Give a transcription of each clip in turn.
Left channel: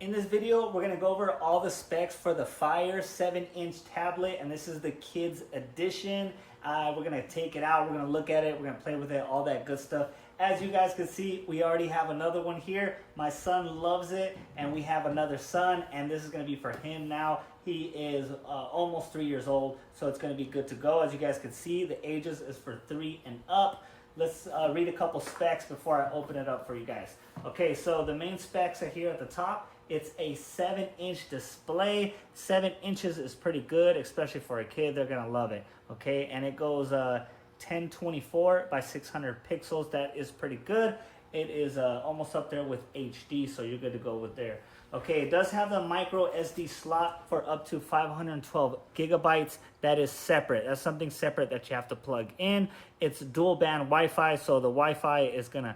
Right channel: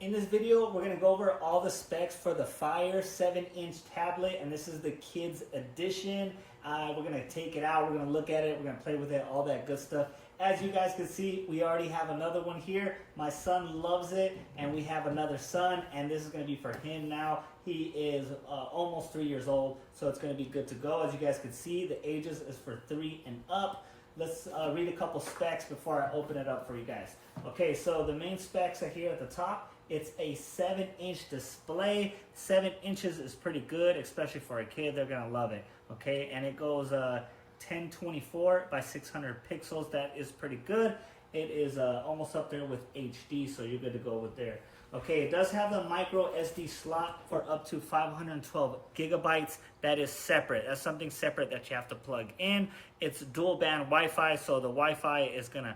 In this video, we're going to go over all the specs for the Fire 7-inch tablet, and this is the kids edition. We're going to take it out, we're going to look at it, we're going to play with it, all that good stuff. As you guys can see, we already have another one here. My son loves it, and we have another son, and this is going to be for him now. He is almost 3 years old, so it's going to be good to go. As you guys can see, the ages is for 3 and up. Let's read a couple specs before I open it up for you guys. Okay, so the main specs are here at the top. It's a 7-inch display. 7 inches is pretty good, especially for a kid. They're gonna love it. Okay, and it goes 1024 by 600 pixels. That is pretty good. It is almost up there with HD, so you're good to go with there. Okay, it does have the micro SD slot for up to 512 gigabytes. That is separate. That's something separate that you have to plug in. It's dual band Wi-Fi, so the Wi-Fi is gonna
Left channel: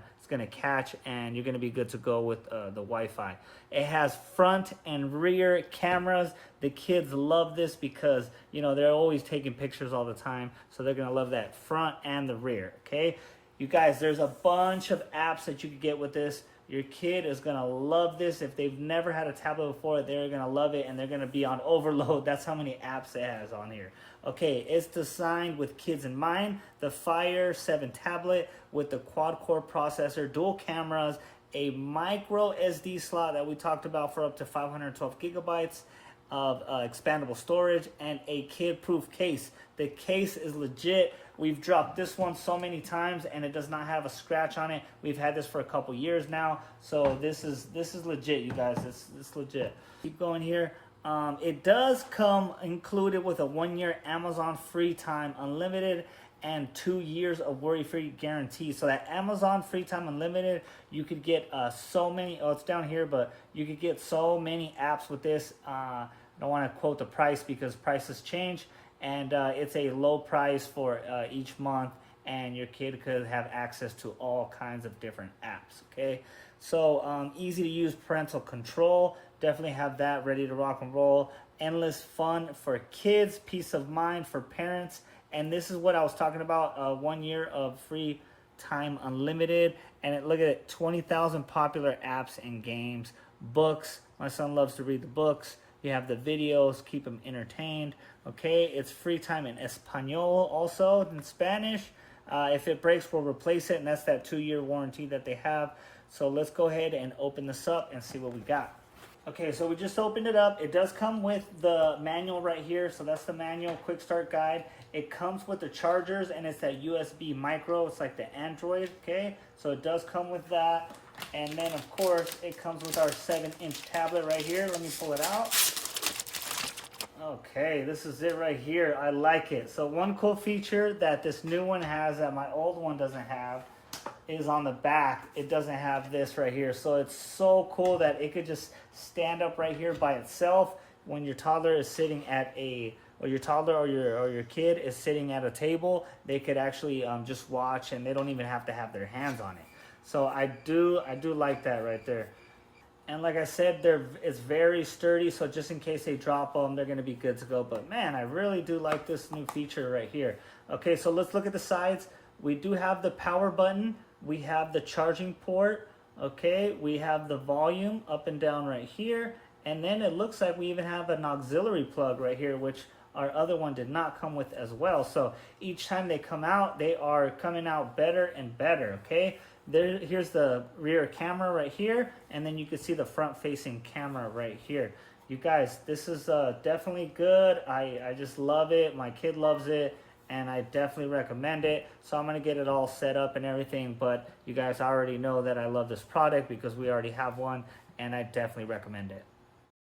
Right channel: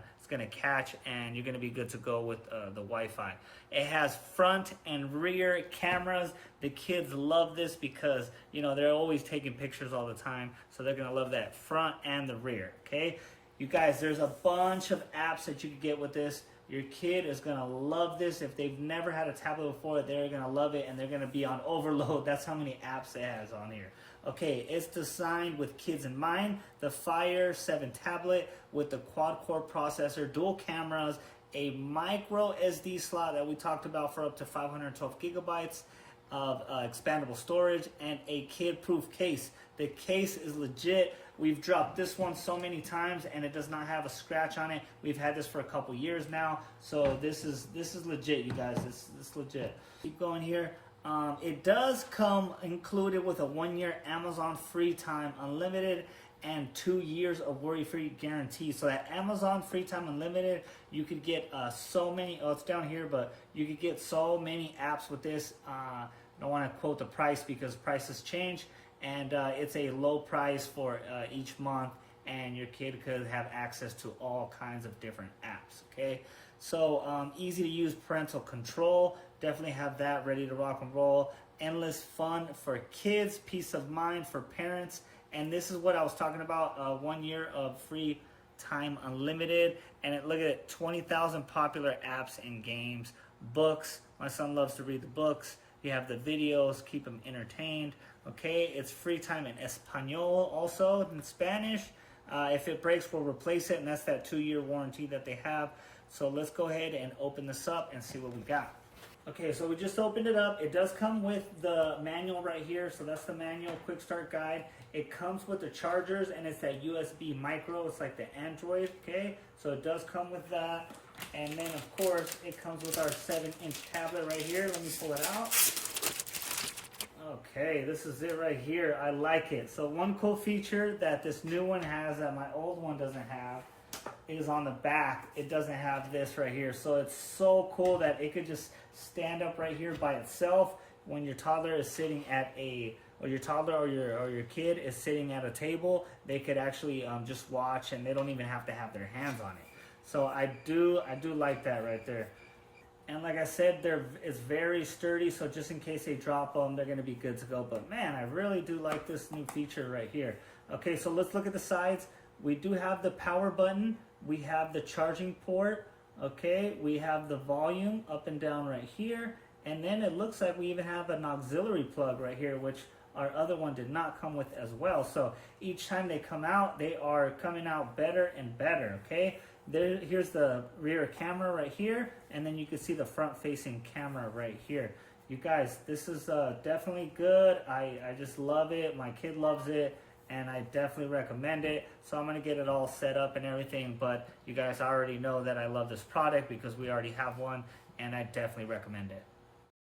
catch, and you're gonna be good to go with the Wi-Fi. It has front and rear cameras. The kids love this because they're always taking pictures all the time, so they're gonna love that front and the rear. Okay, you guys, there's a bunch of apps that you can get with this. Your kid is going to love this. If they've never had a tablet before, they're going to love it, and they're going to be on overload. That's how many apps it has on here. Okay, it's designed with kids in mind. The Fire 7 tablet with the quad-core processor, dual cameras, a micro SD slot that we talked about for up to 512 gigabytes of expandable storage, and a kid-proof case. The case is legit. We've dropped this one so many times, and it does not have a scratch on it. We've had this for a couple years now, so this is legit, you guys. It's legit. Keep going here. It does come included with a 1-year Amazon free time unlimited and 2 years of worry-free guarantee. So that Amazon free time unlimited, you could get so many. Oh, it's down here, but you could get so many apps with this. I don't want to quote the price because prices change, and it's a low price for each month, and your kid could have access to all kinds of different apps. Okay, so easy to use parental control. Definitely have that ready to rock and roll. Endless fun for kids, peace of mind for parents. And this is what I was talking about, 1 year of free time unlimited. And look at it, 20,000 popular apps and games, books. My son loves to read the books. You have the videos, keep him entertained. Okay, it's free time in Espanol, also in Spanish. If it breaks, we'll replace it, and that's that 2-year warranty that they have. So let's go ahead and open this up and see what we got. Okay, so we just opened it up. It does come with the manual right here. So that's the manual, quick start guide. It comes with the chargers, and it's that USB micro. It's like the Android, okay? So it does come with that. And then, of course, it comes with our 7-inch tablet right here. Let me pull it out. Okay, this is it right here. I like it. So one cool feature that this new one has that my old one doesn't have is on the back. It doesn't have this right here. So it's so cool that it could just stand up right here by itself when your toddler is sitting at or your toddler or your kid is sitting at a table. They could actually just watch, and they don't even have to have their hands on it. So I do like that right there. And like I said, it's very sturdy, so just in case they drop them, they're going to be good to go. But man, I really do like this new feature right here. Okay, so let's look at the sides. We do have the power button. We have the charging port. Okay, we have the volume up and down right here. And then it looks like we even have an auxiliary plug right here, which our other one did not come with as well. So each time they come out, they are coming out better and better, okay? Here's the rear camera right here, and then you can see the front-facing camera right here. You guys, this is definitely good. I just love it. My kid loves it, and I definitely recommend it. So I'm going to get it all set up and everything, but you guys already know that I love this product because we already have one, and I definitely recommend it.